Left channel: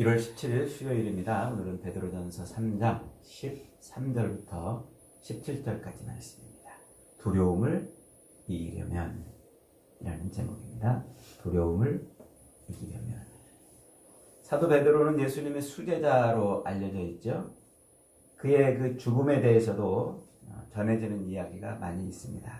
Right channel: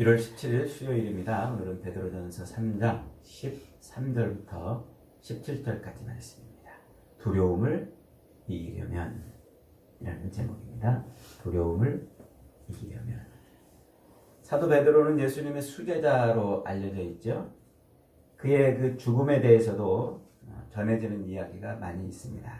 1월 17일 수요일입니다. 오늘은 베드로전서 3장 13절부터 17절까지 말씀입니다. 두려움을 이기려면 이라는 제목입니다. 두려움을 이기려면. 사도 베드로는 예수님의 수제자로 알려져 있죠. 그의 그 죽음에 대해서도 전해지는 이야기가 많이 있습니다.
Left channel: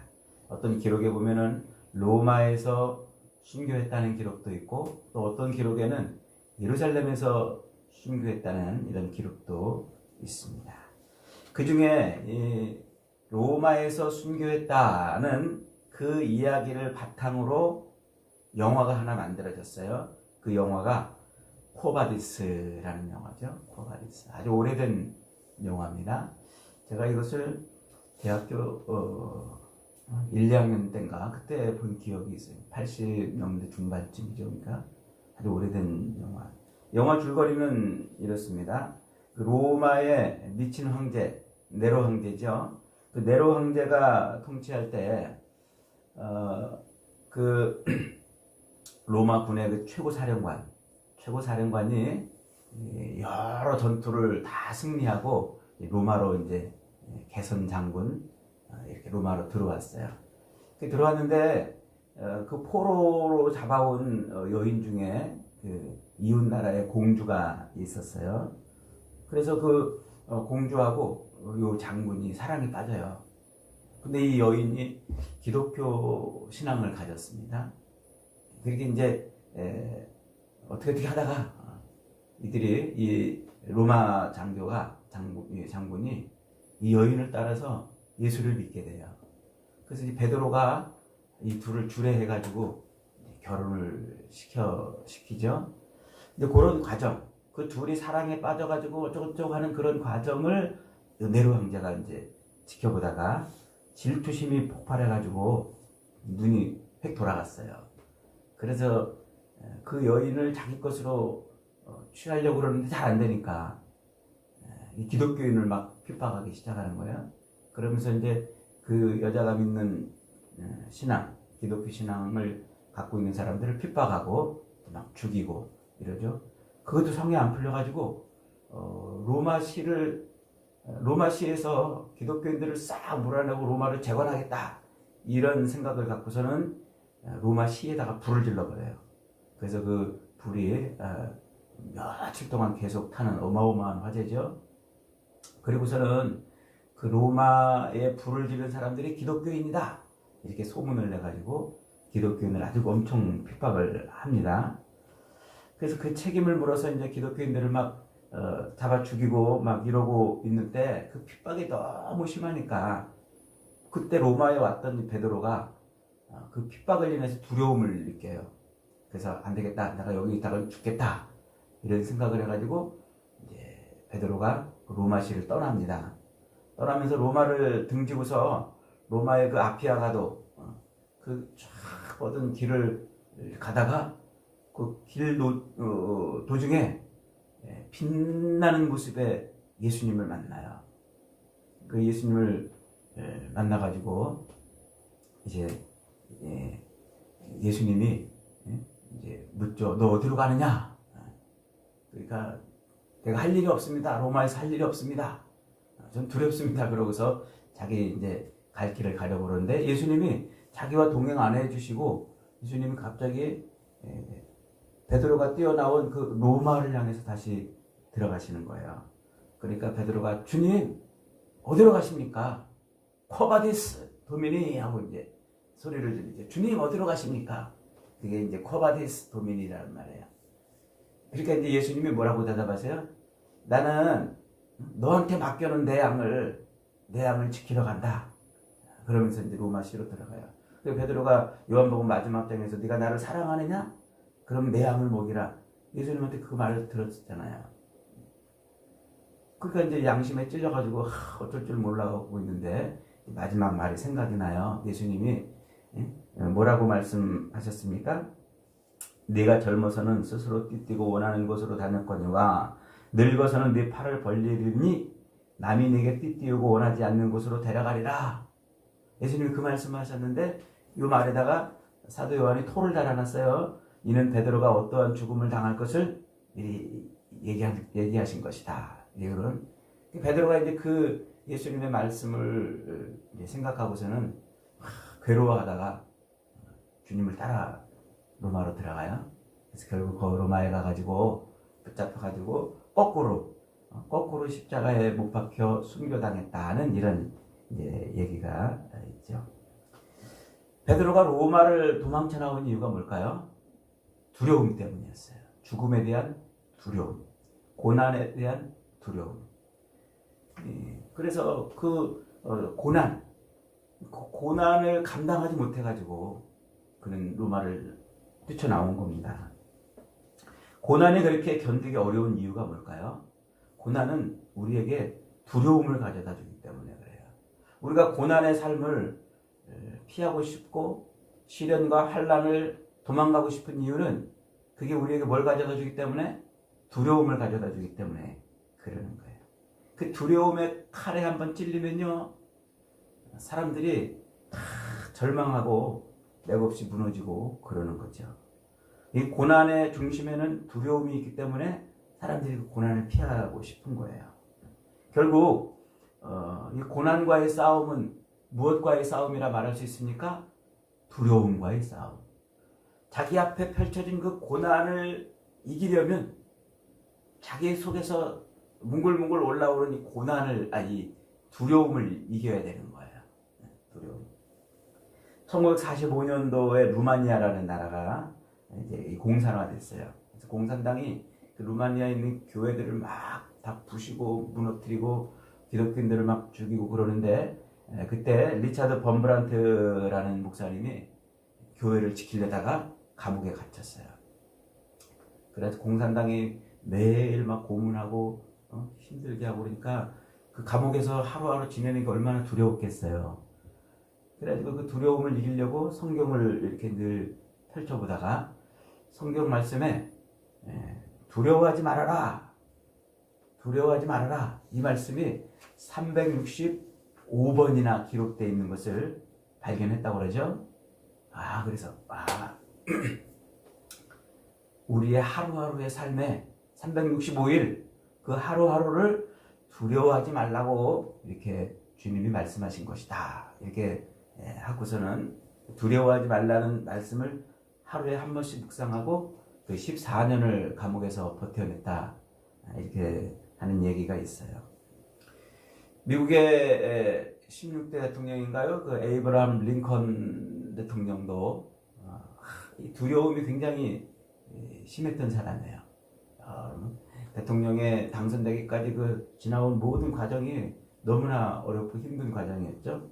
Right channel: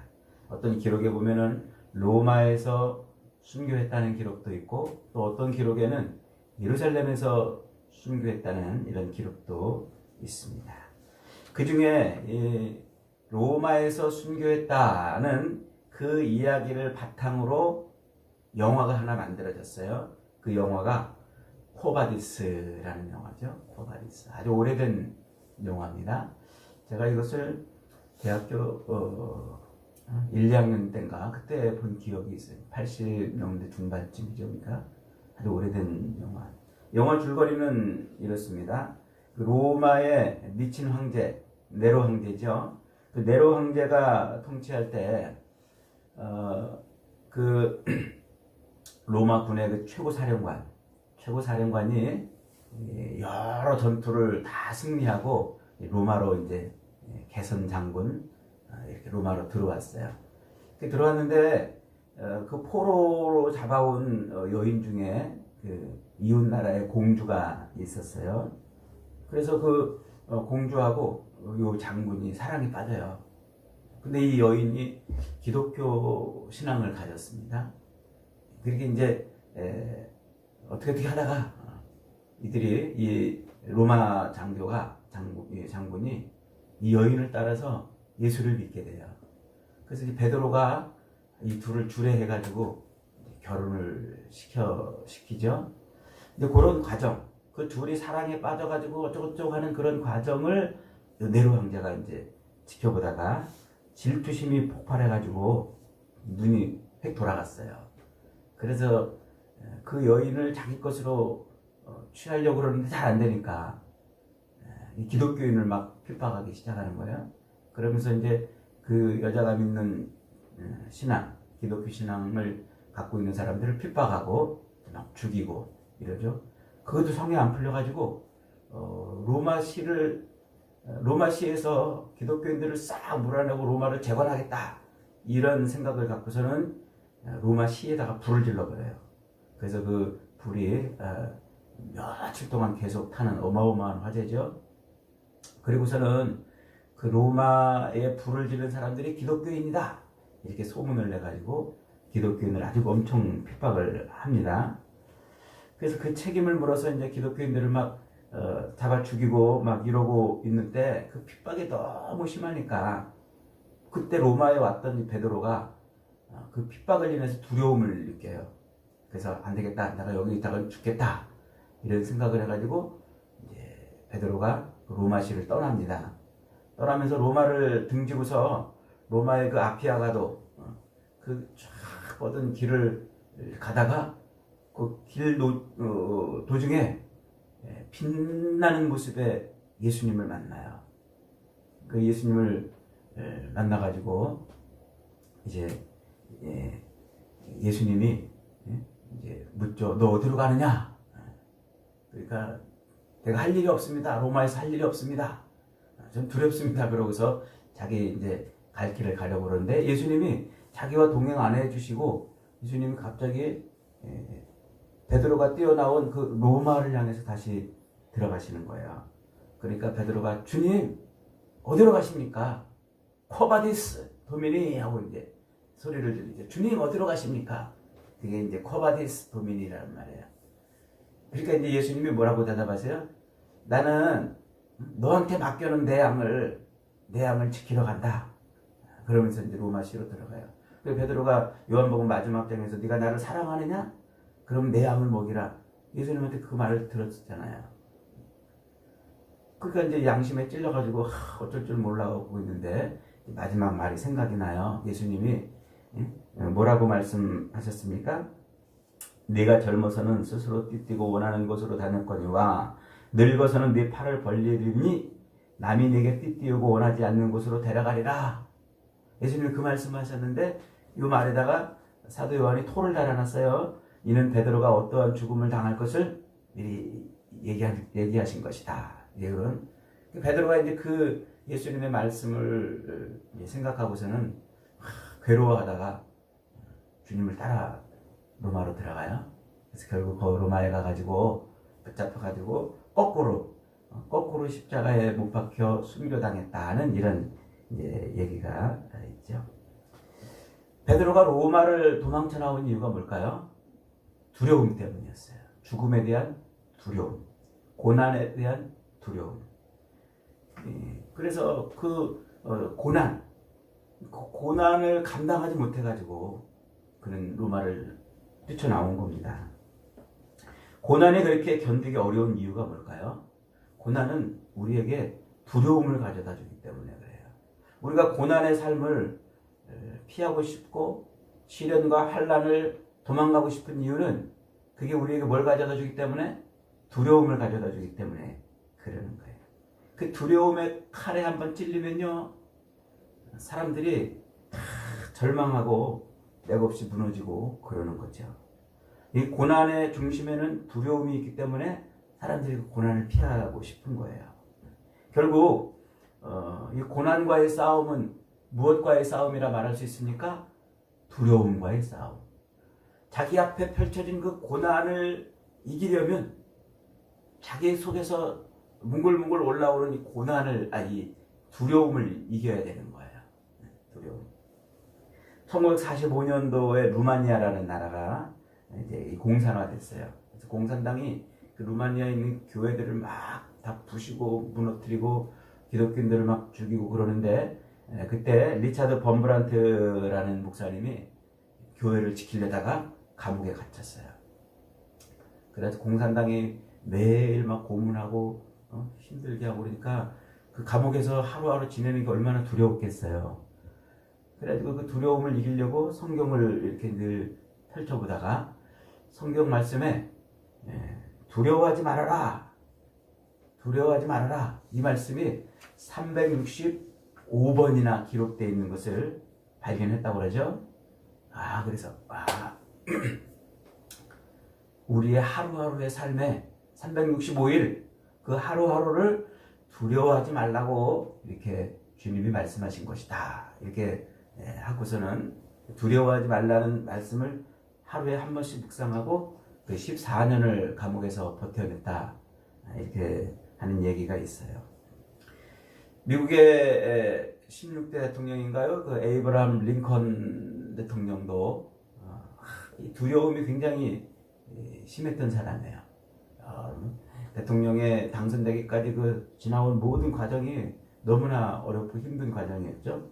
어떤 기록에 보면은 로마에서 순교했다는 기록도 있고, 또 어떤 기록에는 예루살렘에서 순교했다는 이런 기록도 있습니다. 그 중에 이 로마에서 순교했다는 그 이야기를 바탕으로 영화가 하나 만들어졌어요. 그 영화가 코바디스라는 영화죠. 코바디스. 아주 오래된 영화입니다. 제가 이것을 대학교 1, 2학년 때인가 그때 본 기억이 있어요. 80년대 중반쯤이죠. 그러니까 아주 오래된 영화. 영화 줄거리는 이렇습니다. 그 로마의 미친 황제, 네로 황제죠. 그 네로 황제가 통치할 때, 그 로마 군의 그 최고사령관이 여러 전투를 다 승리하고 로마로 이제 개선 장군 이렇게 로마로 들어왔어요. 들어왔는데 그 포로로 잡아온 여인 중에 그 이웃 나라의 공주가 있었어요. 그래서 그 공주하고 요 장군이 사랑에 빠져요. 근데 이 여인이 기독교 신앙을 가졌습니다. 그렇게 이제 어떻게 하다가 이들이 이 로마 장군이 이 여인을 따라서 예수를 믿게 돼요. 그래서 이제 베드로가 이 둘을 주례해가지고 결혼을 시키죠. 이제 그런 과정, 그 둘이 사랑에 빠져가지고 어쩌고저쩌고 하는 그런 과정을 네로 황제가 이제 지켜보다가 질투심이 폭발해가지고 눈이 획 돌아갔어요. 그래서 그 여인을 자기 것으로 취하려고 그러는데 잘 안 되니까 이 기독교인을 막 핍박하기 시작하는 거예요. 그러면서 이제 그 여자가 믿는 신앙, 기독교 신앙을 갖고 있는 사람들을 핍박하고 막 죽이고 이러죠. 그것도 성에 안 풀려가지고 로마시에서 기독교인들을 싹 몰아내고 로마를 재건하겠다 이런 생각을 갖고서는 로마시에다가 불을 질러버려요. 그래서 그 불이 며칠 동안 계속 타는 어마어마한 화재죠. 그리고서는 그 로마에 불을 지른 사람들이 기독교인이다 이렇게 소문을 내가지고 기독교인을 아주 엄청 핍박을 합니다. 그래서 그 책임을 물어서 이제 기독교인들을 막 잡아 죽이고 막 이러고 있는데 그 핍박이 너무 심하니까 그때 로마에 왔던 베드로가 그 핍박을 인해서 두려움을 느껴요. 그래서 안 되겠다, 내가 여기 있다가 죽겠다 이런 생각을 해가지고 이제 베드로가 로마시를 떠납니다. 떠나면서 로마를 등지고서 로마의 그 아피아가도 그 쫙 뻗은 길을 가다가 그 길 도중에 빛나는 모습의 예수님을 만나요. 그 예수님을 만나가지고 이제 예수님이 이제 묻죠. 너 어디로 가느냐? 그러니까 내가 할 일이 없습니다. 로마에서 할 일이 없습니다. 좀 두렵습니다. 그러고서 자기 이제 갈 길을 가려고 그러는데 예수님이 자기와 동행 안 해주시고 예수님이 갑자기 베드로가 뛰어나온 그 로마를 향해서 다시 들어가시는 거예요. 그러니까 베드로가 주님 어디로 가십니까? 코바디스 도미니 하고 이제 소리를 지르죠. 주님 어디로 가십니까? 그게 이제 코바디스 도미니라는 말이에요. 그러니까 이제 예수님이 뭐라고 대답하세요? 나는 너한테 맡겨놓은 내 양을 지키러 간다. 그러면서 이제 로마시로 들어가요. 그리고 베드로가 요한복음 마지막 장에서 네가 나를 사랑하느냐? 그럼 내 양을 먹이라. 예수님한테 그 말을 들었잖아요. 그러니까 이제 양심에 찔려가지고 어쩔 줄 몰라하고 있는데 마지막 말이 생각이 나요. 예수님이 뭐라고 말씀하셨습니까? 네가 젊어서는 스스로 띠뛰고 원하는 곳으로 다녔거니와 늙어서는 네 팔을 벌리리니 남이 네게 띠띠우고 원하지 않는 곳으로 데려가리라. 예수님이 그 말씀하셨는데 이 말에다가 사도 요한이 토를 달아놨어요. 이는 베드로가 어떠한 죽음을 당할 것을 미리 얘기하신 것이다. 이런 베드로가 이제 그 예수님의 말씀을 생각하고서는 괴로워하다가 주님을 따라 로마로 들어가요. 그래서 결국 그 로마에 가가지고 붙잡혀가지고 거꾸로 십자가에 못 박혀 순교당했다는 이런 이제 얘기가 있죠. 베드로가 로마를 도망쳐 나온 이유가 뭘까요? 두려움 때문이었어요. 죽음에 대한 두려움, 고난에 대한 두려움. 그래서 그 고난을 감당하지 못해가지고 그는 로마를 뛰쳐나온 겁니다. 고난이 그렇게 견디기 어려운 이유가 뭘까요? 고난은 우리에게 두려움을 가져다 주기 때문에 그래요. 우리가 고난의 삶을 피하고 싶고 시련과 환난을 도망가고 싶은 이유는 그게 우리에게 뭘 가져다 주기 때문에? 두려움을 가져다 주기 때문에 그러는 거예요. 그 두려움의 칼에 한번 찔리면요, 사람들이 다 절망하고 맥없이 무너지고 그러는 거죠. 이 고난의 중심에는 두려움이 있기 때문에 사람들이 그 고난을 피하고 싶은 거예요. 결국 이 고난과의 싸움은 무엇과의 싸움이라 말할 수 있습니까? 두려움과의 싸움. 자기 앞에 펼쳐진 그 고난을 이기려면 자기 속에서 뭉글뭉글 올라오는 이 두려움을 이겨야 되는 거예요. 두려움. 1945년도에 루마니아라는 나라가 이제 공산화됐어요. 그래서 공산당이 그 루마니아에 있는 교회들을 막 다 부시고 무너뜨리고 기독교인들을 막 죽이고 그러는데, 그때 리차드 범브란트라는 목사님이 교회를 지키려다가 감옥에 갇혔어요. 그래서 공산당이 매일 막 고문하고 힘들게 하고 그러니까 그 감옥에서 하루하루 지내는 게 얼마나 두려웠겠어요. 그래가지고 그 두려움을 이기려고 성경을 이렇게 늘 펼쳐보다가 성경 말씀에 두려워하지 말아라 이 말씀이 365번이나 기록되어 있는 것을 발견했다고 그러죠. 그래서 우리의 하루하루의 삶에 365일 그 하루하루를 두려워하지 말라고 이렇게 주님이 말씀하신 것이다. 이렇게 하고서는 두려워하지 말라는 말씀을 하루에 한 번씩 묵상하고 그 14년을 감옥에서 버텨냈다. 이렇게 하는 얘기가 있어요. 미국의 16대 대통령인가요? 그 에이브라함 링컨 대통령도 이 두려움이 굉장히 심했던 사람이에요. 대통령에 당선되기까지 그 지나온 모든 과정이 너무나 어렵고 힘든 과정이었죠.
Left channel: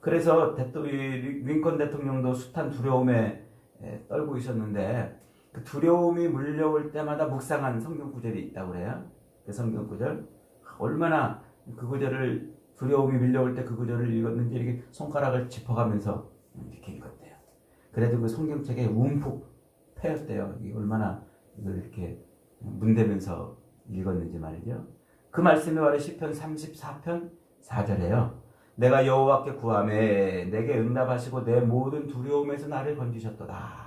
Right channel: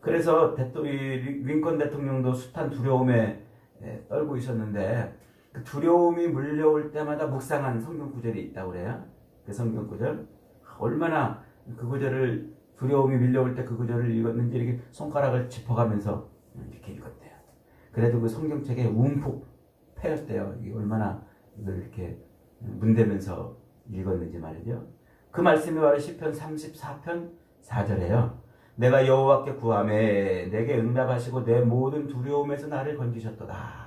그래서 링컨 대통령도 숱한 두려움에 떨고 있었는데 그 두려움이 물려올 때마다 묵상한 성경 구절이 있다고 그래요. 그 성경 구절, 얼마나 그 구절을 두려움이 밀려올 때 그 구절을 읽었는지 이렇게 손가락을 짚어가면서 이렇게 읽었대요. 그래도 그 성경책에 움푹 패였대요. 이게 얼마나 이걸 이렇게 문대면서 읽었는지 말이죠. 그 말씀이 바로 시편 34편 4절에요. 내가 여호와께 구하매 내게 응답하시고 내 모든 두려움에서 나를 건지셨도다.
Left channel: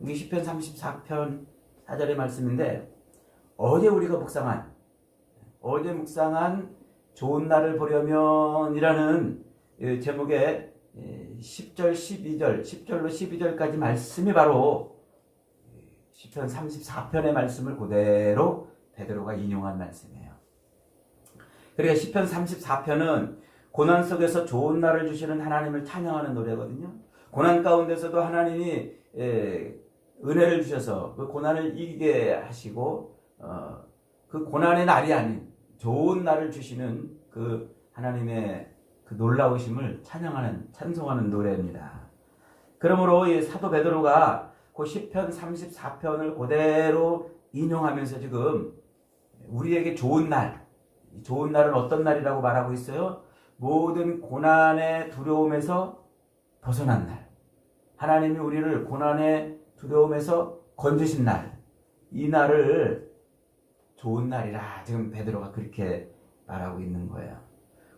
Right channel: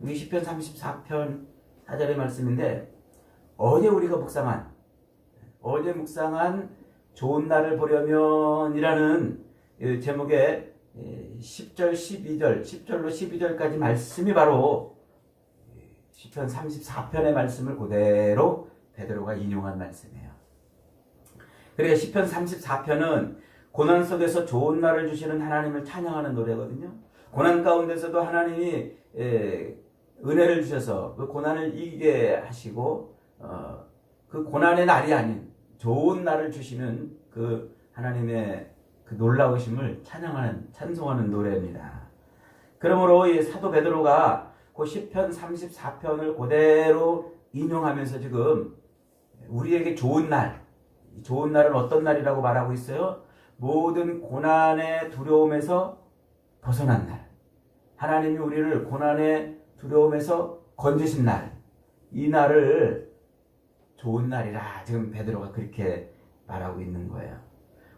이게 시편 34편 4절의 말씀인데, 어제 묵상한 좋은 날을 보려면 이라는 제목의 10절 12절 10절로 12절까지 말씀이 바로 시편 34편의 말씀을 그대로 베드로가 인용한 말씀이에요. 그러니까 시편 34편은 고난 속에서 좋은 날을 주시는 하나님을 찬양하는 노래거든요. 고난 가운데서도 하나님이 은혜를 주셔서 그 고난을 이기게 하시고 그 고난의 날이 아닌 좋은 날을 주시는 그 하나님의 그 놀라우심을 찬송하는 노래입니다. 그러므로 이 사도 베드로가 그 시편 34편을 그대로 인용하면서 지금 우리에게 좋은 날은 어떤 날이라고 말하고 있어요? 모든 고난의 두려움에서 벗어난 날, 하나님이 우리를 고난의 두려움에서 건지신 날, 이 날을 좋은 날이라 지금 베드로가 그렇게 말하고 있는 거예요.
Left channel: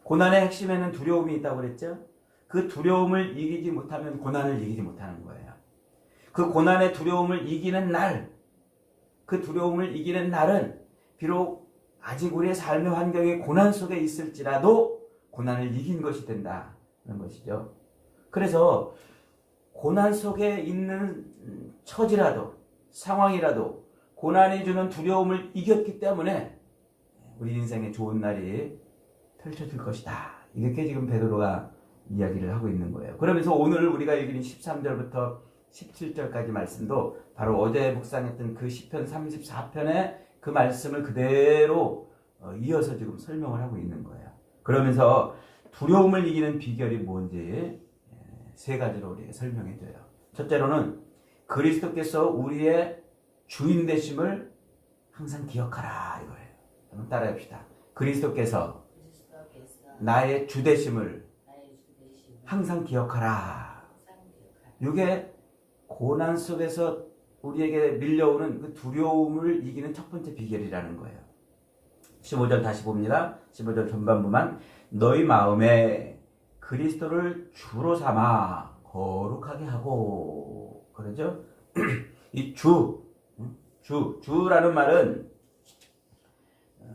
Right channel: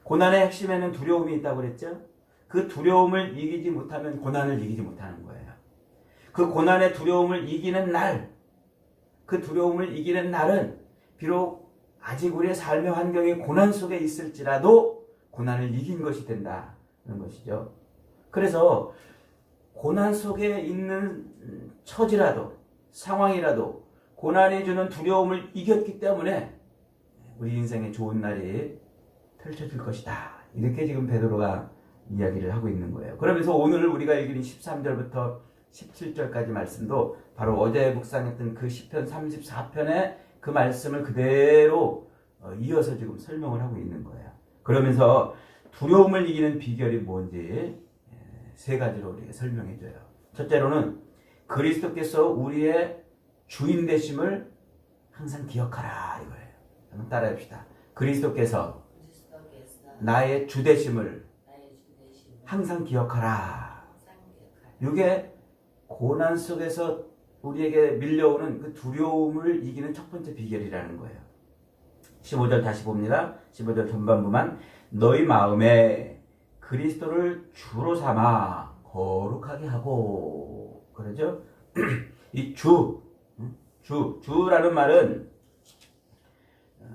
고난의 핵심에는 두려움이 있다고 그랬죠? 그 두려움을 이기지 못하면 고난을 이기지 못하는 거예요. 그 고난의 두려움을 이기는 날, 그 두려움을 이기는 날은 비록 아직 우리의 삶의 환경이 고난 속에 있을지라도 고난을 이긴 것이 된다는 것이죠. 그래서 고난 속에 있는 처지라도 상황이라도 고난이 주는 두려움을 이겼기 때문에 우리 인생에 좋은 날이 펼쳐질 것이다. 이렇게 지금 베드로가 이야기를 하고 있는 거예요. 그러면서 오늘 우리가 읽은 13절부터 17절까지 말씀도 바로 어제 묵상했던 그 시편 34편의 그 말씀을 그대로 이어서 지금 설명을 하고 있는 거예요. 그러면서 두려움을 이기는 비결이 뭔지 세 가지로 우리에게 설명해 줘요. 첫째로는 그리스도께서 우리의 주인 되심을 항상 기억하라 이거예요. 한번 따라합시다. 그리스도께서 나의 주 되심을 항상 기억하라. 이게 고난 속에서 우리에게 밀려오는 그 두려움을 이기는 첫 번째 비결이라는 거예요. 15절 다시 봅니다. 15절 전반부만 너희 마음에 그리스도를 주로 삼아 거룩하게 하고 그러죠? 이 주라는 말은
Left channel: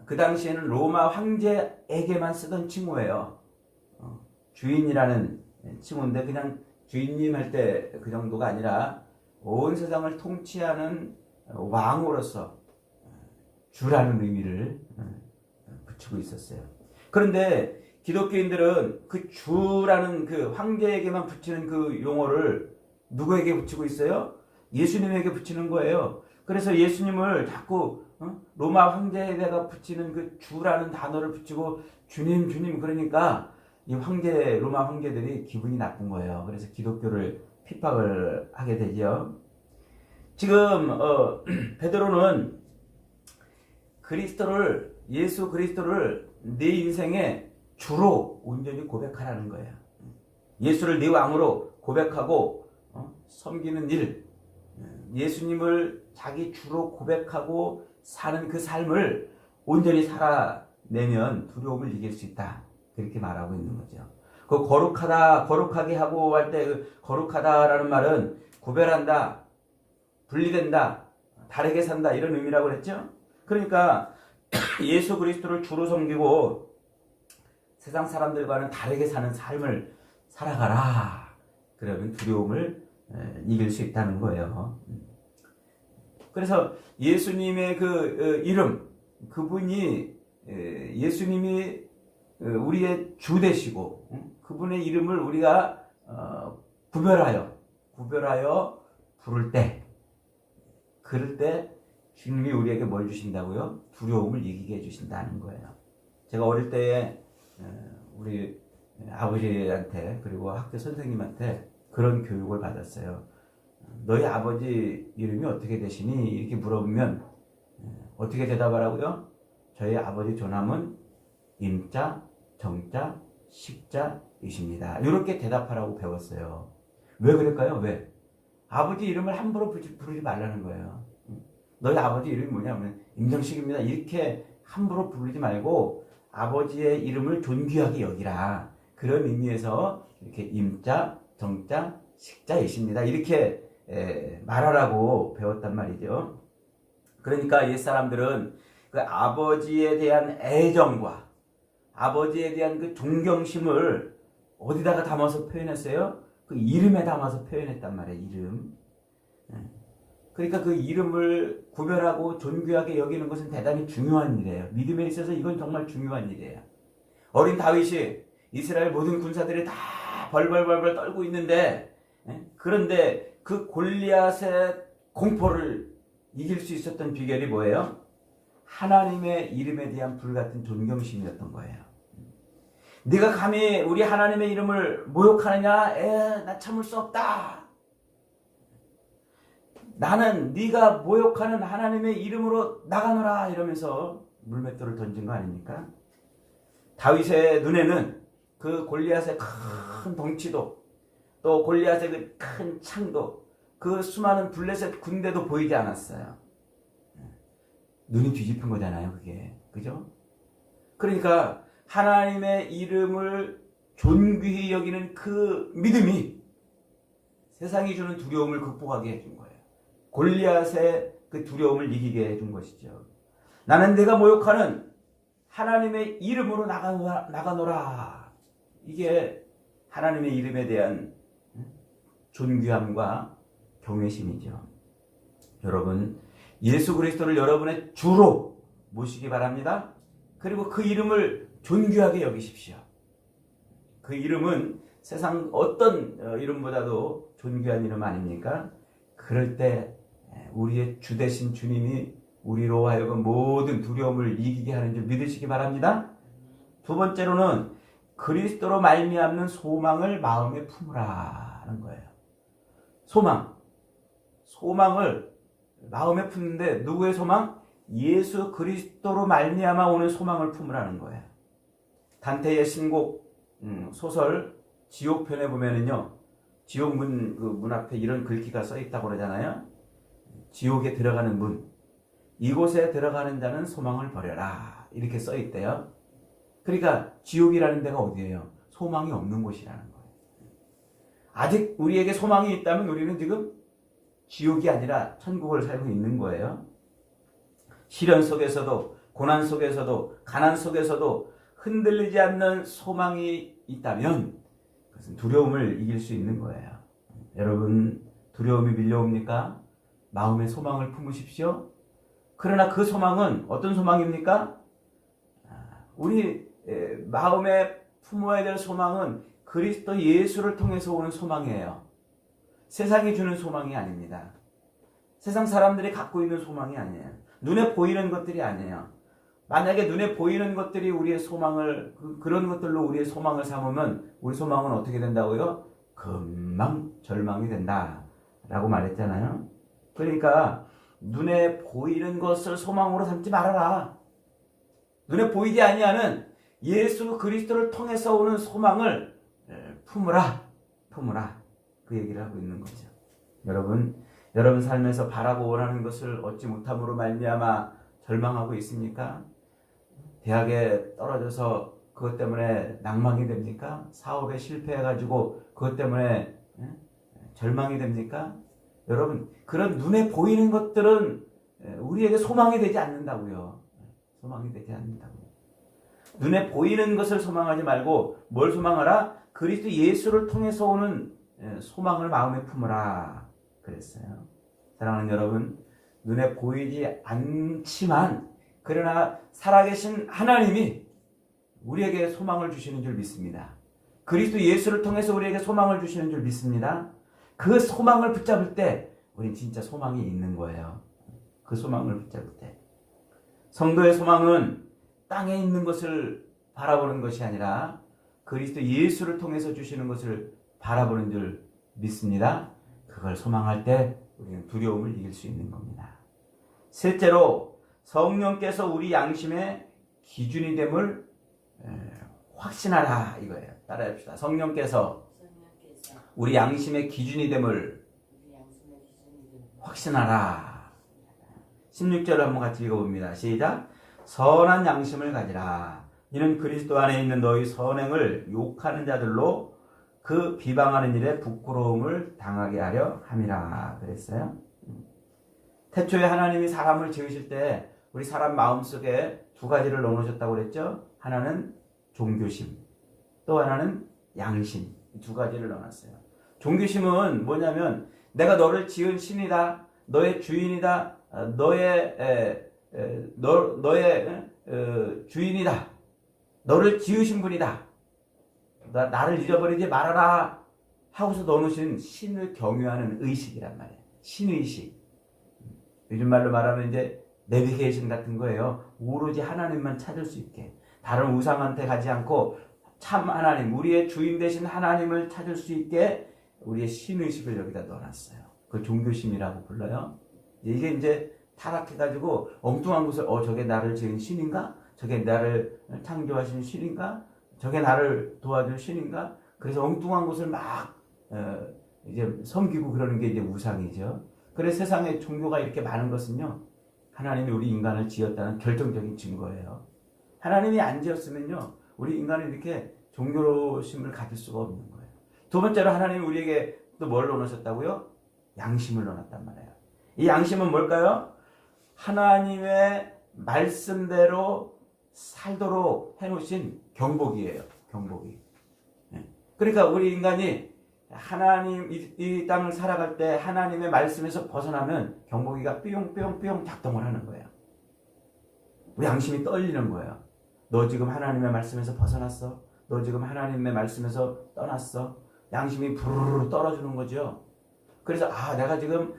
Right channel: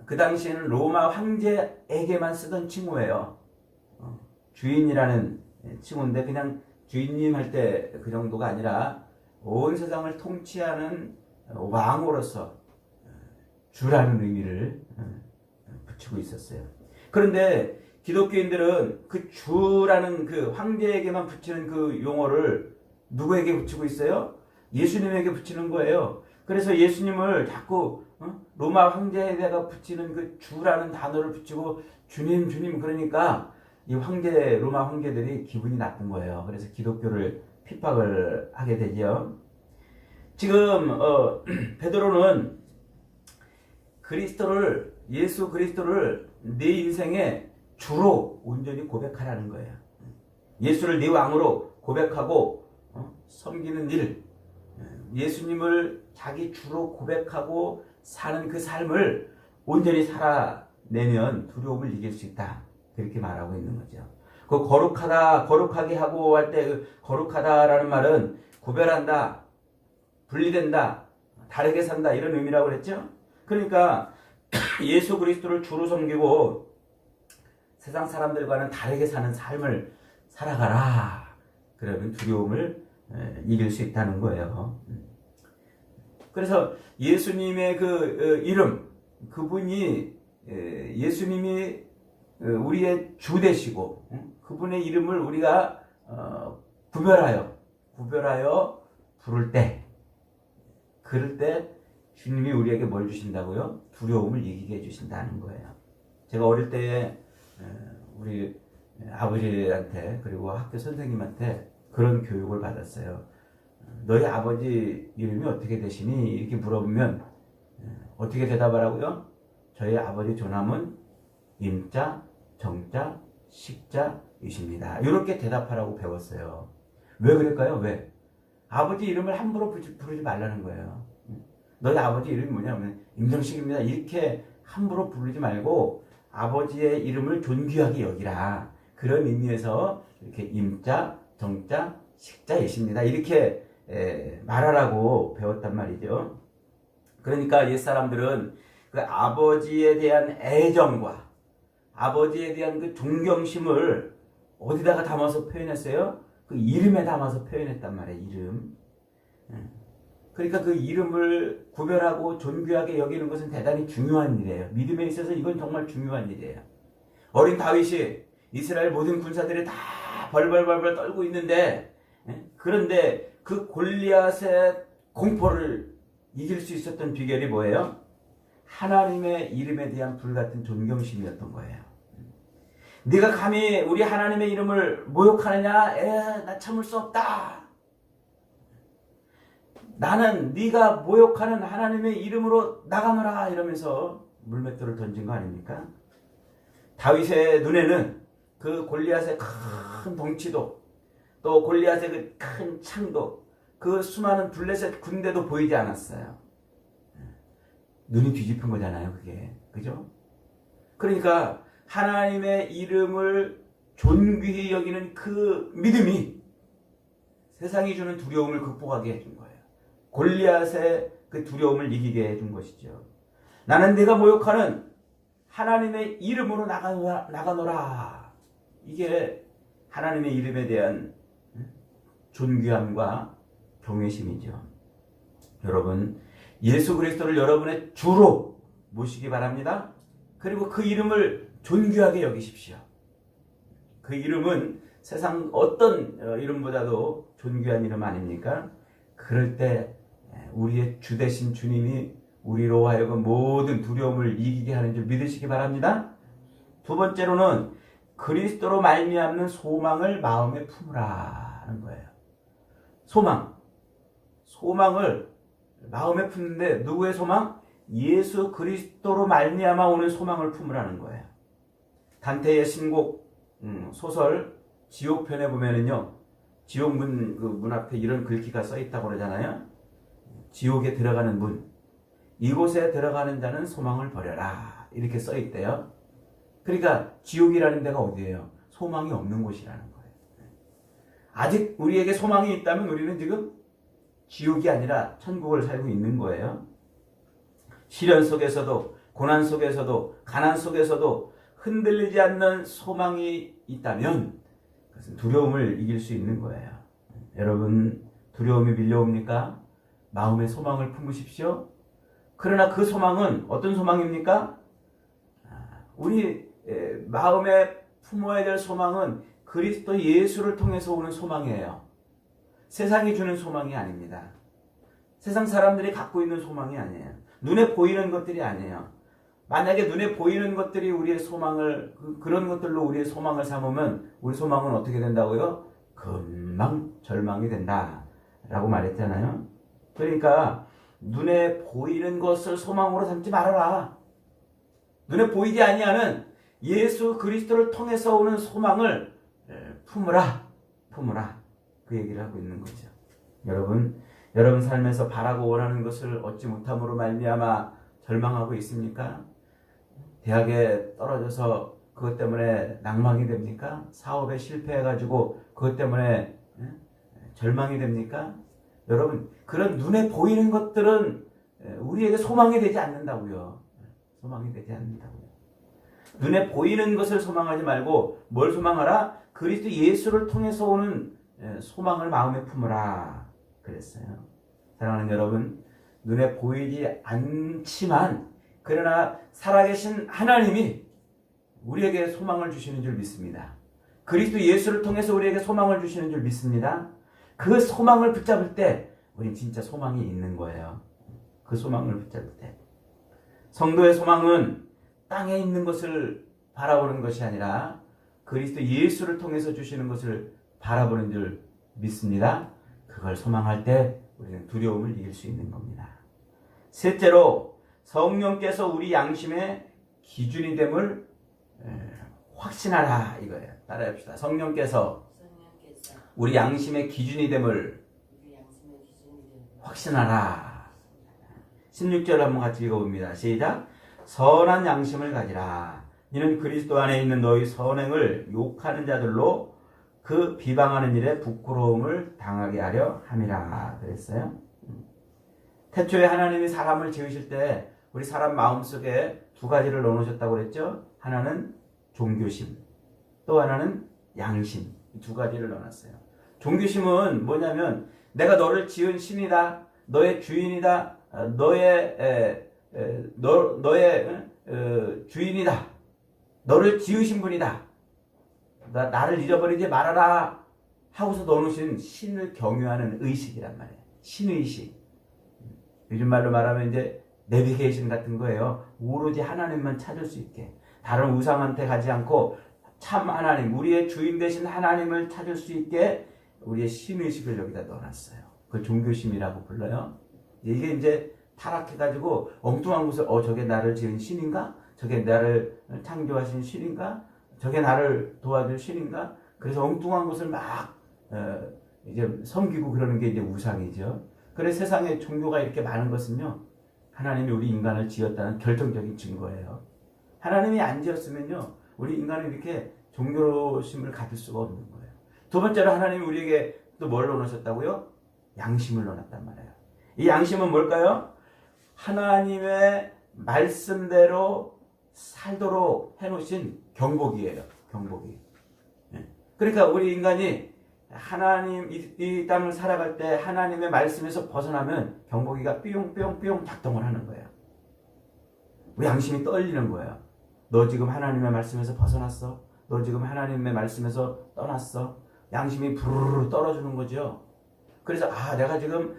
그 당시에는 로마 황제에게만 쓰던 칭호예요. 주인이라는 칭호인데 그냥 주인님 할 때 그 정도가 아니라 온 세상을 통치하는 왕으로서 주라는 의미를 붙이고 있었어요. 그런데 기독교인들은 그 주라는 그 황제에게만 붙이는 그 용어를 누구에게 붙이고 있어요? 예수님에게 붙이는 거예요. 그래서 예수님을 자꾸 로마 황제에다가 붙이는 그 주라는 단어를 붙이고 주님 주님 그러니까 이 로마 황제들이 기분이 나쁜 거예요. 그래서 기독교를 핍박을 하게 되죠. 지금 베드로는 예수 그리스도를 네 인생의 주로 온전히 고백하라는 거예요. 예수를 네 왕으로 고백하고 섬기는 일, 예수님을 자기 주로 고백하고 사는 그 삶을 온전히 살아내면 두려움을 이길 수 있다. 그렇게 말하고 있는 거죠. 그 거룩하게 하고 할 때 그 거룩하다라는 말은 구별한다, 분리된다, 다르게 산다 이런 의미라고 그랬죠. 그러니까 예수 그리스도를 주로 섬기고 세상 사람들과는 다르게 사는 삶을 살아가라. 그러면 두려움을 이길 수 있다는 거예요. 그래서 예수님의 그 이름, 그분이 예수님이 우리의 주 되시고 그분의 이름을 우리가 구별하여 부를 때 그럴 때 주님이 우리에게 뭘 주신다고요? 두려움을 이기게 해주신다는 거예요. 제가 어릴 때에 우리 아버지한테 그리고 학교 선생님한테 그런 교육을 받았어요. 너희 아버지 이름이 어떻게 되시니? 이렇게 물어보면 어떻게 대답하라고요? 저희 아버지 조남은 임자, 정자, 식자이십니다. 이렇게 대답하라고 배웠어요. 왜 그럴까요? 왜? 아버지 이름을 함부로 부르지 말라는 거예요. 너희 아버지 이름이 뭐냐면 임정식입니다. 이렇게 함부로 부르지 말고 아버지의 이름을 존귀하게 여기라. 그런 의미에서 이렇게 임자, 정자, 식자이십니다. 이렇게 말하라고 배웠단 말이죠. 그러니까 옛사람들은 그 아버지에 대한 애정과 아버지에 대한 그 존경심을 어디다가 담아서 표현했어요? 그 이름에 담아서 표현했단 말이에요. 이름. 그러니까 그 이름을 구별하고 존귀하게 여기는 것은 대단히 중요한 일이에요. 믿음에 있어서 이건 정말 중요한 일이에요. 어린 다윗이 이스라엘 모든 군사들이 다 벌벌벌벌 떨고 있는데 그런데 그 골리앗의 공포를 이길 수 있었던 비결이 뭐예요? 하나님의 이름에 대한 불같은 존경심이었던 거예요. 네가 감히 우리 하나님의 이름을 모욕하느냐? 나 참을 수 없다. 나는 네가 모욕하는 하나님의 이름으로 나가노라 이러면서 물맷돌을 던진 거 아닙니까? 다윗의 눈에는 그 골리앗의 큰 덩치도 또 골리앗의 그 큰 창도 그 수많은 블레셋 군대도 보이지 않았어요. 눈이 뒤집힌 거잖아요, 그게. 그죠? 그러니까 하나님의 이름을 존귀히 여기는 그 믿음이 세상이 주는 두려움을 극복하게 해준 거예요. 골리앗의 그 두려움을 이기게 해준 것이죠. 나는 내가 모욕하는 하나님의 이름으로 나가노라. 이게 하나님의 이름에 대한 존귀함과 경외심이죠. 여러분, 예수 그리스도를 여러분의 주로 모시기 바랍니다. 그리고 그 이름을 존귀하게 여기십시오. 그 이름은 세상 어떤 이름보다도 존귀한 이름 아닙니까? 그럴 때 우리의 주 되신 주님이 우리로 하여금 모든 두려움을 이기게 하는 줄 믿으시기 바랍니다. 두 번째로는 그리스도로 말미암는 소망을 마음에 품으라 하는 거예요. 소망을 마음에 품는데 누구의 소망? 예수 그리스도로 말미암아 오는 소망을 품으라는 거예요. 단테의 신곡 소설 지옥편에 보면은요, 지옥 문 앞에 이런 글귀가 써 있다고 그러잖아요. 지옥에 들어가는 문, 이곳에 들어가는 자는 소망을 버려라, 이렇게 써 있대요. 그러니까 지옥이라는 데가 어디예요? 소망이 없는 곳이라는 거예요. 아직 우리에게 소망이 있다면 우리는 지금 지옥이 아니라 천국을 살고 있는 거예요. 시련 속에서도, 고난 속에서도, 가난 속에서도 흔들리지 않는 소망이 있다면 그것은 두려움을 이길 수 있는 거예요. 여러분, 두려움이 밀려옵니까? 마음의 소망을 품으십시오. 그러나 그 소망은 어떤 소망입니까? 우리 마음에 품어야 될 소망은 그리스도 예수를 통해서 오는 소망이에요. 세상이 주는 소망이 아닙니다. 세상 사람들이 갖고 있는 소망이 아니에요. 눈에 보이는 것들이 아니에요. 만약에 눈에 보이는 것들이 우리의 소망을, 그런 것들로 우리의 소망을 삼으면 우리 소망은 어떻게 된다고요? 금방 절망이 된다라고 말했잖아요. 그러니까 눈에 보이는 것을 소망으로 삼지 말아라. 눈에 보이지 아니하는 예수 그리스도를 통해서 오는 소망을 품으라. 그 얘기를 하고 있는 거죠. 여러분 삶에서 바라고 원하는 것을 얻지 못함으로 말미암아 절망하고 있습니까? 대학에 떨어져서 그것 때문에 낭망이 됩니까? 사업에 실패해가지고 그것 때문에 절망이 됩니까? 여러분, 그런 눈에 보이는 것들은 우리에게 소망이 되지 않는다고요. 소망이 되지 않는다고요. 눈에 보이는 것을 소망하지 말고 뭘 소망하라? 그리스도 예수를 통해서 오는 소망을 마음에 품으라 그랬어요. 사랑하는 여러분, 눈에 보이지 않지만 그러나 살아계신 하나님이 우리에게 소망을 주시는 줄 믿습니다. 그리스도 예수를 통해서 우리에게 소망을 주시는 줄 믿습니다. 그 소망을 붙잡을 때 우린 진짜 소망이 있는 거예요. 그 소망을 붙잡을 때. 성도의 소망은 땅에 있는 것을 바라보는 것이 아니라 그리스도 예수를 통해서 주시는 것을 바라보는 줄 믿습니다. 그걸 소망할 때 우리는 두려움을 이길 수 있는 겁니다. 셋째로, 성령께서 우리 양심의 기준이 됨을 확신하라 이거예요. 따라합시다. 성령께서 우리 양심의 기준이 됨을 확신하라. 16절 한번 같이 읽어봅니다. 시작. 선한 양심을 가지라. 이는 그리스도 안에 있는 너희 선행을 욕하는 자들로 그 비방하는 일에 부끄러움을 당하게 하려 함이라 그랬어요. 태초에 하나님이 사람을 지으실 때 우리 사람 마음속에 두 가지를 넣어놓으셨다고 그랬죠. 하나는 종교심, 또 하나는 양심. 두 가지를 넣어놨어요. 종교심은 뭐냐면 내가 너를 지은 신이다, 너의 주인이다, 너의 주인이다, 너를 지으신 분이다, 나를 잊어버리지 말아라 하고서 넣어놓으신 신을 경유하는 의식이란 말이에요. 신의식. 요즘 말로 말하면 이제 내비게이션 같은 거예요. 오로지 하나님만 찾을 수 있게, 다른 우상한테 가지 않고 참 하나님, 우리의 주인 되신 하나님을 찾을 수 있게 우리의 신의식을 여기다 넣어놨어요. 그걸 종교심이라고 불러요. 이게 이제 타락해가지고 엉뚱한 곳을 저게 나를 지은 신인가? 저게 나를 창조하신 신인가? 저게 나를 도와줄 신인가? 그래서 엉뚱한 곳을 막 이제 섬기고 그러는 게 이제 우상이죠. 그래서 세상에 종교가 이렇게 많은 것은요, 하나님이 우리 인간을 지었다는 결정적인 증거예요. 하나님이 안 지었으면요, 우리 인간은 이렇게 종교심을 가질 수가 없는 거예요. 두 번째로 하나님이 우리에게 또 뭘 넣어놓으셨다고요? 양심을 넣어놨단 말이에요. 이 양심은 뭘까요? 하나님의 말씀대로 살도록 해놓으신 경복이에요. 경복이. 그러니까 우리 인간이 하나님 이 땅을 살아갈 때 하나님의 말씀에서 벗어나면 경복이가 삐용삐용삐용 작동을 하는 거예요. 우리 양심이 떨리는 거예요. 너 지금 하나님의 말씀에서 벗어났어? 너 지금 하나님의 말씀에서 떠났어? 양심이 부르르 떨어지는 거죠. 그래서 내가 지금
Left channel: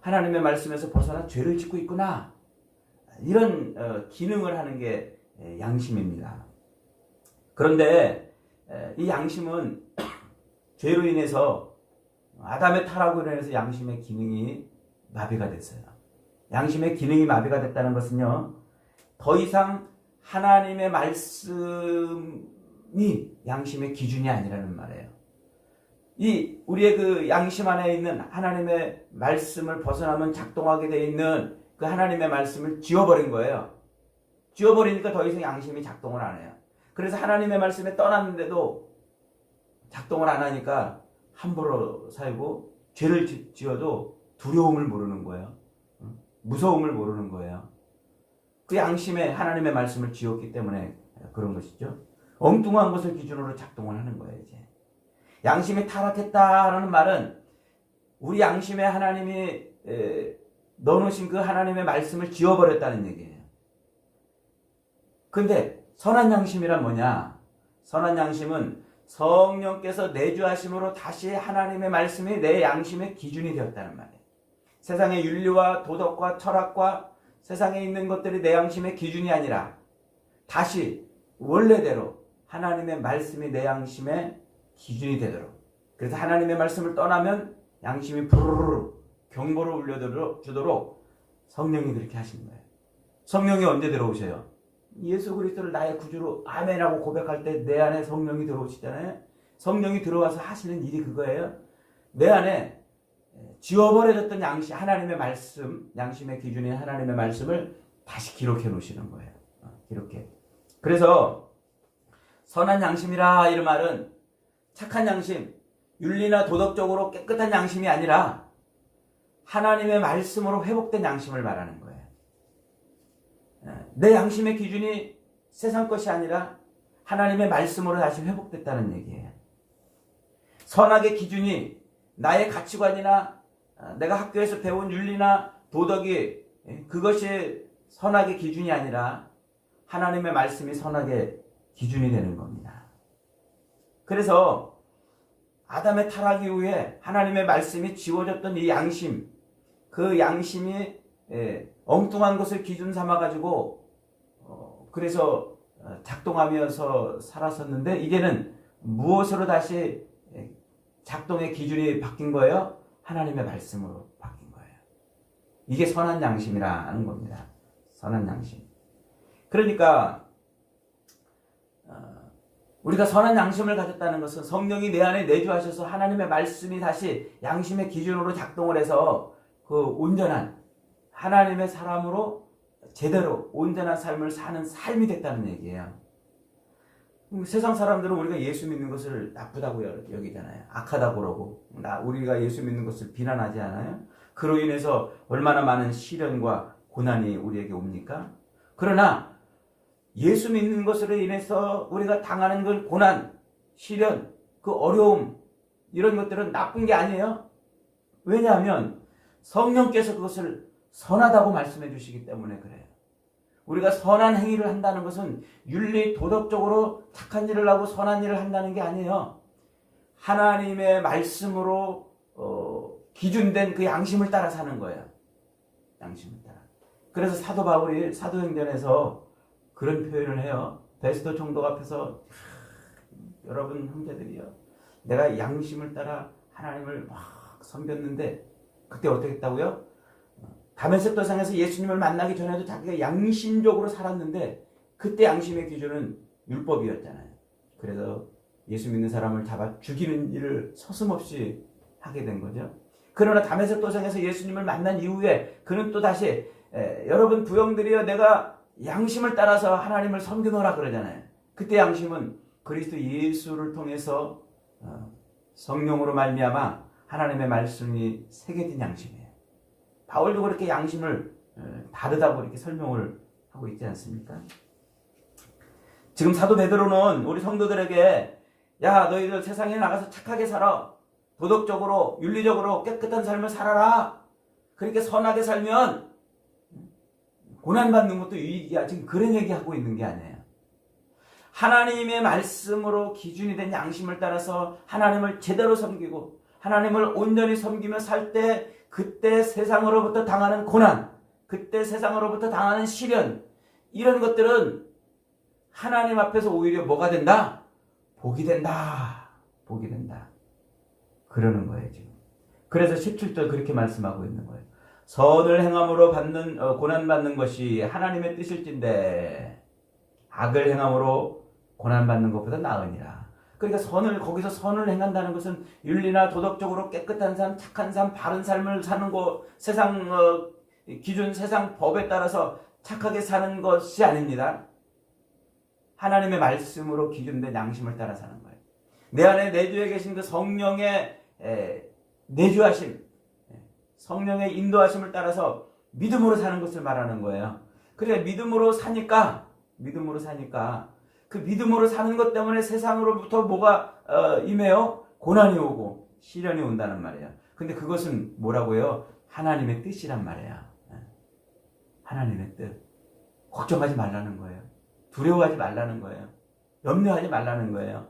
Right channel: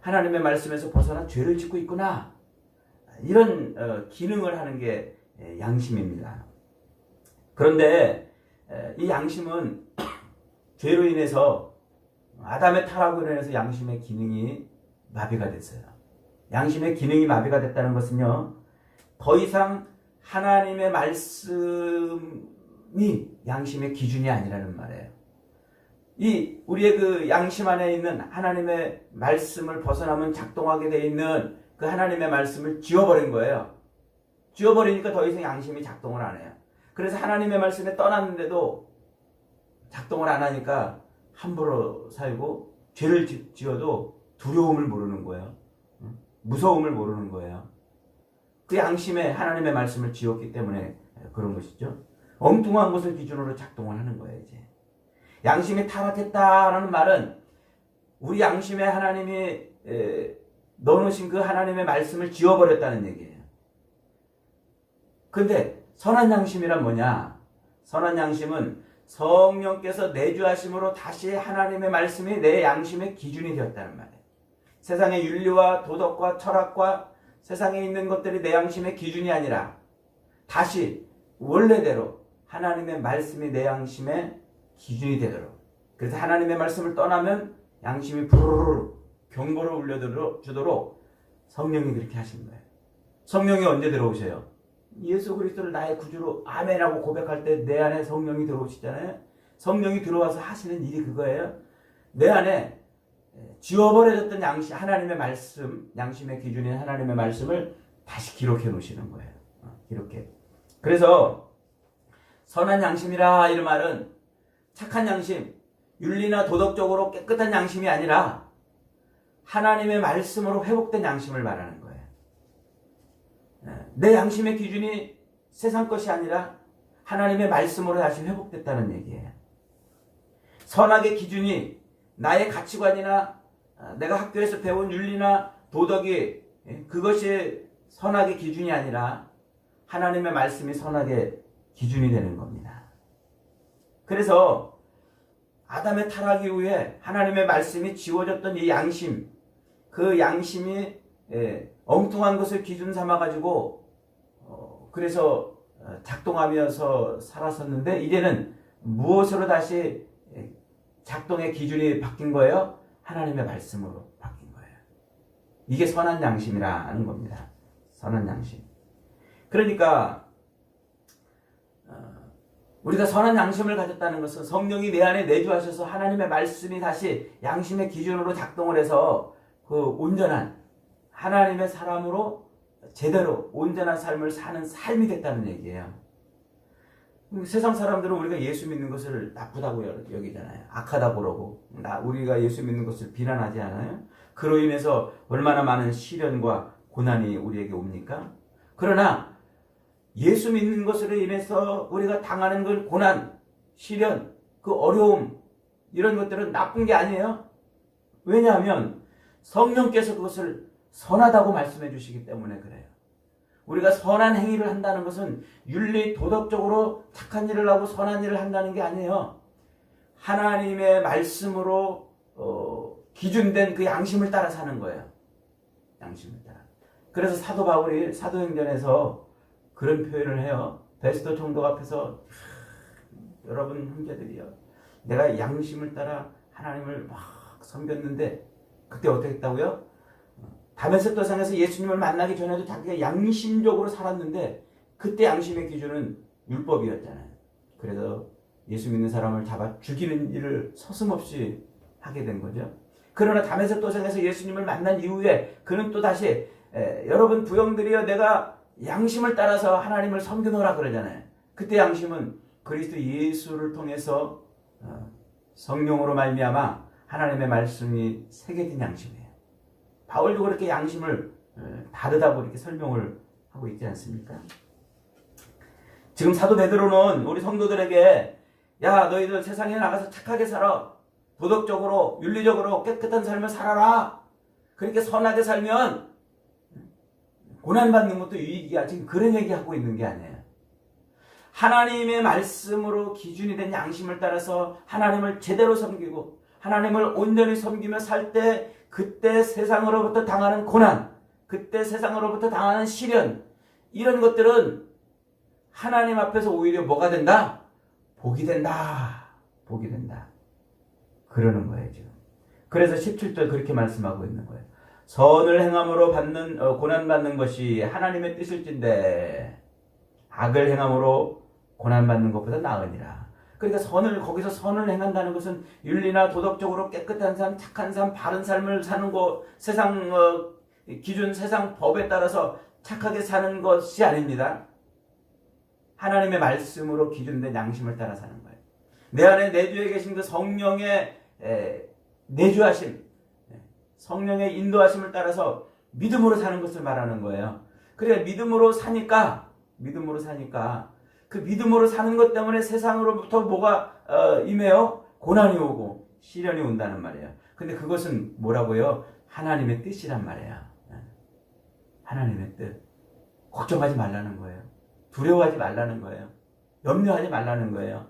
하나님의 말씀에서 벗어나 죄를 짓고 있구나. 이런 기능을 하는 게 양심입니다. 그런데 이 양심은 죄로 인해서 아담의 타락으로 인해서 양심의 기능이 마비가 됐어요. 양심의 기능이 마비가 됐다는 것은요, 더 이상 하나님의 말씀이 양심의 기준이 아니라는 말이에요. 이 우리의 그 양심 안에 있는 하나님의 말씀을 벗어나면 작동하게 되어 있는 그 하나님의 말씀을 지워버린 거예요. 지워버리니까 더 이상 양심이 작동을 안 해요. 그래서 하나님의 말씀에 떠났는데도 작동을 안 하니까 함부로 살고 죄를 지어도 두려움을 모르는 거예요. 무서움을 모르는 거예요. 그 양심에 하나님의 말씀을 지웠기 때문에 그런 것이죠. 엉뚱한 것을 기준으로 작동을 하는 거예요. 이제 양심이 타락했다라는 말은 우리 양심에 하나님이 넣어놓으신 그 하나님의 말씀을 지워버렸다는 얘기예요. 근데 선한 양심이란 뭐냐? 선한 양심은 성령께서 내주하심으로 다시 하나님의 말씀이 내 양심의 기준이 되었다는 말이에요. 세상의 윤리와 도덕과 철학과 세상에 있는 것들이 내 양심의 기준이 아니라 다시 원래대로 하나님의 말씀이 내 양심의 기준이 되도록, 그래서 하나님의 말씀을 떠나면 양심이 부르르 경보를 울려주도록 성령이 그렇게 하시는 거예요. 성령이 언제 들어오셔요? 예수 그리스도를 나의 구주로 아멘하고 고백할 때 내 안에 성령이 들어오시잖아요. 성령이 들어와서 하시는 일이 그거예요. 내 안에 지워버려졌던 양심, 하나님의 말씀, 양심의 기준인 하나님의 말씀을 다시 기록해 놓으시는 거예요. 기록해. 그래서 선한 양심이라 이런 말은 착한 양심, 윤리나 도덕적으로 깨끗한 양심이 아니라 하나님의 말씀으로 회복된 양심을 말하는 거예요. 내 양심의 기준이 세상 것이 아니라 하나님의 말씀으로 다시 회복됐다는 얘기예요. 선악의 기준이 나의 가치관이나 내가 학교에서 배운 윤리나 도덕이 그것이 선악의 기준이 아니라 하나님의 말씀이 선악의 기준이 되는 겁니다. 그래서 아담의 타락 이후에 하나님의 말씀이 지워졌던 이 양심, 그 양심이 엉뚱한 것을 기준 삼아가지고 그래서 작동하면서 살았었는데 이제는 무엇으로 다시 작동의 기준이 바뀐 거예요? 하나님의 말씀으로 바뀐 거예요. 이게 선한 양심이라는 겁니다. 선한 양심. 그러니까 우리가 선한 양심을 가졌다는 것은 성령이 내 안에 내주하셔서 하나님의 말씀이 다시 양심의 기준으로 작동을 해서 그 온전한 하나님의 사람으로 제대로 온전한 삶을 사는 삶이 됐다는 얘기예요. 세상 사람들은 우리가 예수 믿는 것을 나쁘다고 여기잖아요. 악하다고 그러고 우리가 예수 믿는 것을 비난하지 않아요? 그로 인해서 얼마나 많은 시련과 고난이 우리에게 옵니까? 그러나 예수 믿는 것으로 인해서 우리가 당하는 그 고난, 시련, 그 어려움 이런 것들은 나쁜 게 아니에요. 왜냐하면 성령께서 그것을 선하다고 말씀해 주시기 때문에 그래요. 우리가 선한 행위를 한다는 것은 윤리, 도덕적으로 착한 일을 하고 선한 일을 한다는 게 아니에요. 하나님의 말씀으로 기준된 그 양심을 따라 사는 거예요. 양심을 따라. 그래서 사도 바울이 사도행전에서 그런 표현을 해요. 베스도 총독 앞에서 여러분 형제들이요, 내가 양심을 따라 하나님을 막 섬겼는데 그때 어떻게 했다고요? 다메섹 도상에서 예수님을 만나기 전에도 자기가 양심적으로 살았는데 그때 양심의 기준은 율법이었잖아요. 그래서 예수 믿는 사람을 잡아 죽이는 일을 서슴없이 하게 된 거죠. 그러나 다메섹 도상에서 예수님을 만난 이후에 그는 또 다시 여러분 부형들이여 내가 양심을 따라서 하나님을 섬기노라 그러잖아요. 그때 양심은 그리스도 예수를 통해서 성령으로 말미암아 하나님의 말씀이 새겨진 양심이에요. 바울도 그렇게 양심을 다르다고 이렇게 설명을 하고 있지 않습니까? 지금 사도 베드로는 우리 성도들에게 야, 너희들 세상에 나가서 착하게 살아. 도덕적으로, 윤리적으로 깨끗한 삶을 살아라. 그렇게 선하게 살면 고난받는 것도 유익이야. 지금 그런 얘기하고 있는 게 아니에요. 하나님의 말씀으로 기준이 된 양심을 따라서 하나님을 제대로 섬기고 하나님을 온전히 섬기며 살 때 그때 세상으로부터 당하는 고난, 그때 세상으로부터 당하는 시련, 이런 것들은 하나님 앞에서 오히려 뭐가 된다? 복이 된다. 복이 된다. 그러는 거예요, 지금. 그래서 17절 그렇게 말씀하고 있는 거예요. 선을 행함으로 받는 고난받는 것이 하나님의 뜻일진데 악을 행함으로 고난받는 것보다 나으니라. 그러니까 거기서 선을 행한다는 것은 윤리나 도덕적으로 깨끗한 삶, 착한 삶, 바른 삶을 사는 것, 세상 기준, 세상 법에 따라서 착하게 사는 것이 아닙니다. 하나님의 말씀으로 기준된 양심을 따라 사는 거예요. 내 안에 내주에 계신 그 성령의 내주하심, 성령의 인도하심을 따라서 믿음으로 사는 것을 말하는 거예요. 그래, 믿음으로 사니까 그 믿음으로 사는 것 때문에 세상으로부터 뭐가 임해요? 고난이 오고 시련이 온다는 말이에요. 근데 그것은 뭐라고요? 하나님의 뜻이란 말이에요. 하나님의 뜻. 걱정하지 말라는 거예요. 두려워하지 말라는 거예요. 염려하지 말라는 거예요.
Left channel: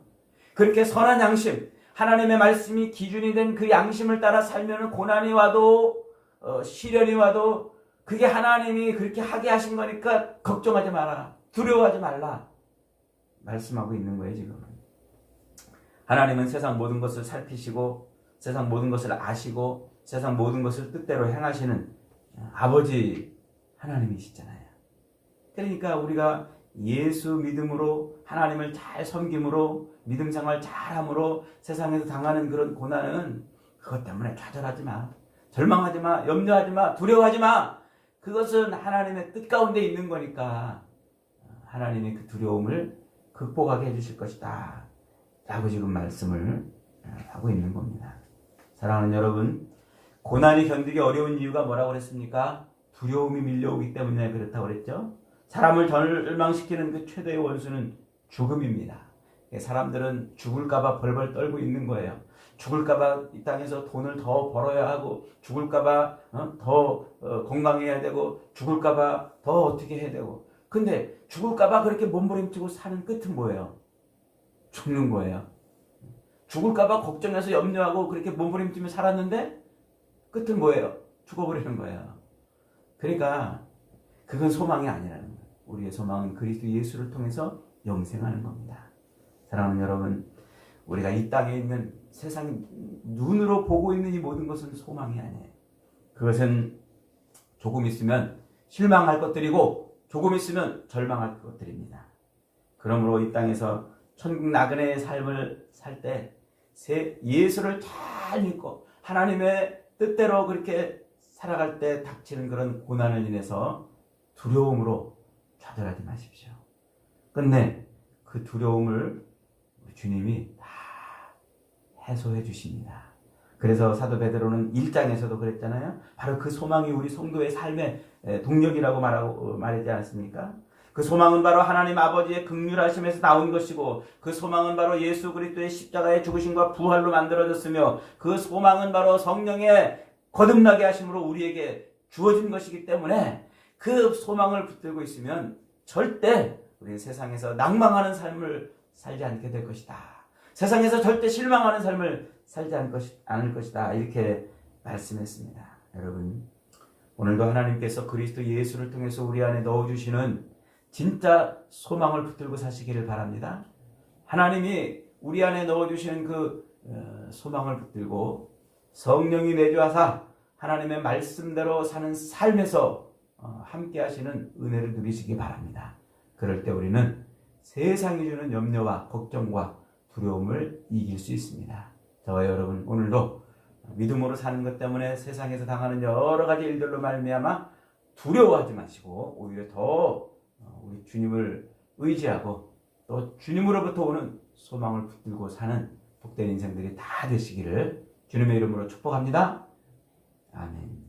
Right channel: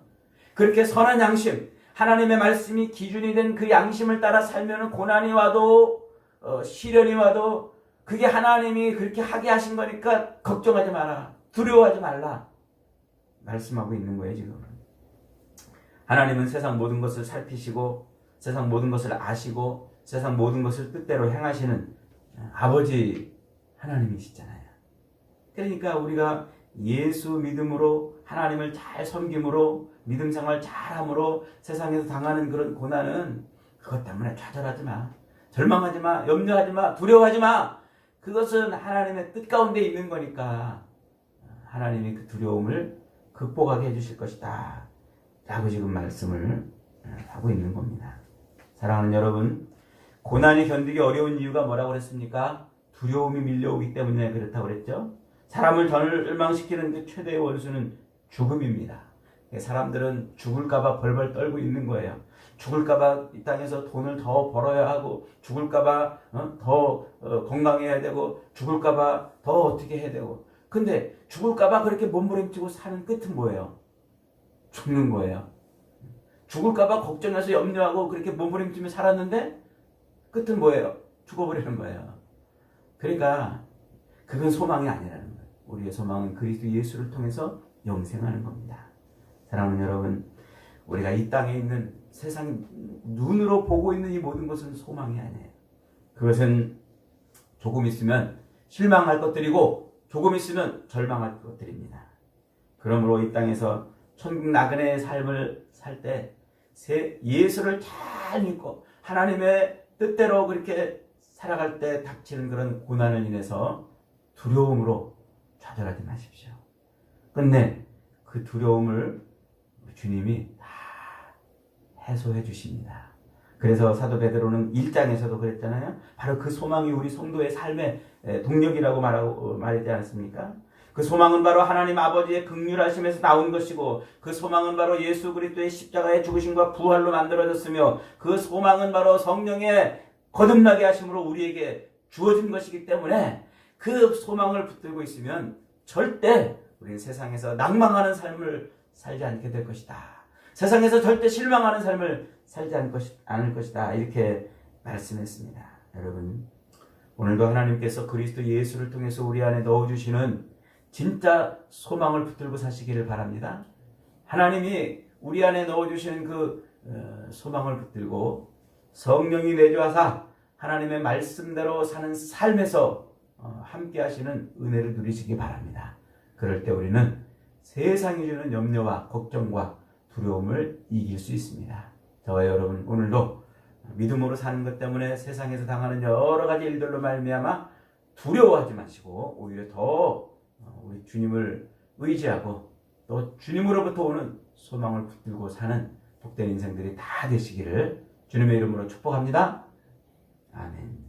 그렇게 선한 양심, 하나님의 말씀이 기준이 된 그 양심을 따라 살면 고난이 와도 시련이 와도 그게 하나님이 그렇게 하게 하신 거니까 걱정하지 마라. 두려워하지 말라. 말씀하고 있는 거예요, 지금. 하나님은 세상 모든 것을 살피시고 세상 모든 것을 아시고 세상 모든 것을 뜻대로 행하시는 아버지 하나님이시잖아요. 그러니까 우리가 예수 믿음으로 하나님을 잘 섬김으로 믿음 생활 잘함으로 세상에서 당하는 그런 고난은 그것 때문에 좌절하지 마. 절망하지 마. 염려하지 마. 두려워하지 마. 그것은 하나님의 뜻 가운데 있는 거니까 하나님이 그 두려움을 극복하게 해주실 것이다 라고 지금 말씀을 하고 있는 겁니다. 사랑하는 여러분, 고난이 견디기 어려운 이유가 뭐라고 그랬습니까? 두려움이 밀려오기 때문에 그렇다고 그랬죠. 사람을 절망시키는 그 최대의 원수는 죽음입니다. 사람들은 죽을까봐 벌벌 떨고 있는 거예요. 죽을까봐 이 땅에서 돈을 더 벌어야 하고 죽을까봐 더 건강해야 되고 죽을까봐 더 어떻게 해야 되고, 근데 죽을까봐 그렇게 몸부림치고 사는 끝은 뭐예요? 죽는 거예요. 죽을까봐 걱정해서 염려하고 그렇게 몸부림치며 살았는데 끝은 뭐예요? 죽어버리는 거예요. 그러니까 그건 소망이 아니라는 거예요. 우리의 소망은 그리스도 예수를 통해서 영생하는 겁니다. 사랑하는 여러분, 우리가 이 땅에 있는 세상 눈으로 보고 있는 이 모든 것은 소망이 아니에요. 그것은 조금 있으면 실망할 것들이고 조금 있으면 절망할 것들입니다. 그러므로 이 땅에서 천국 나그네의 삶을 살 때 예수를 잘 믿고 하나님의 뜻대로 그렇게 살아갈 때 닥치는 그런 고난을 인해서 두려움으로 좌절하지 마십시오. 끝내 그 두려움을 주님이 다 해소해 주십니다. 그래서 사도 베드로는 1장에서도 그랬잖아요. 바로 그 소망이 우리 성도의 삶의 동력이라고 말하지 않았습니까? 그 소망은 바로 하나님 아버지의 긍휼하심에서 나온 것이고 그 소망은 바로 예수 그리스도의 십자가의 죽으심과 부활로 만들어졌으며 그 소망은 바로 성령의 거듭나게 하심으로 우리에게 주어진 것이기 때문에 그 소망을 붙들고 있으면 절대 우리 세상에서 낭망하는 삶을 살지 않게 될 것이다. 세상에서 절대 실망하는 삶을 살지 않을 것이다. 이렇게 말씀했습니다. 여러분, 오늘도 하나님께서 그리스도 예수를 통해서 우리 안에 넣어주시는 진짜 소망을 붙들고 사시기를 바랍니다. 하나님이 우리 안에 넣어주시는 그 소망을 붙들고 성령이 내주하사 하나님의 말씀대로 사는 삶에서 함께 하시는 은혜를 누리시기 바랍니다. 그럴 때 우리는 세상이 주는 염려와 걱정과 두려움을 이길 수 있습니다. 저와 여러분, 오늘도 믿음으로 사는 것 때문에 세상에서 당하는 여러 가지 일들로 말미암아 두려워하지 마시고 오히려 더 우리 주님을 의지하고 또 주님으로부터 오는 소망을 붙들고 사는 복된 인생들이 다 되시기를 주님의 이름으로 축복합니다. 아멘.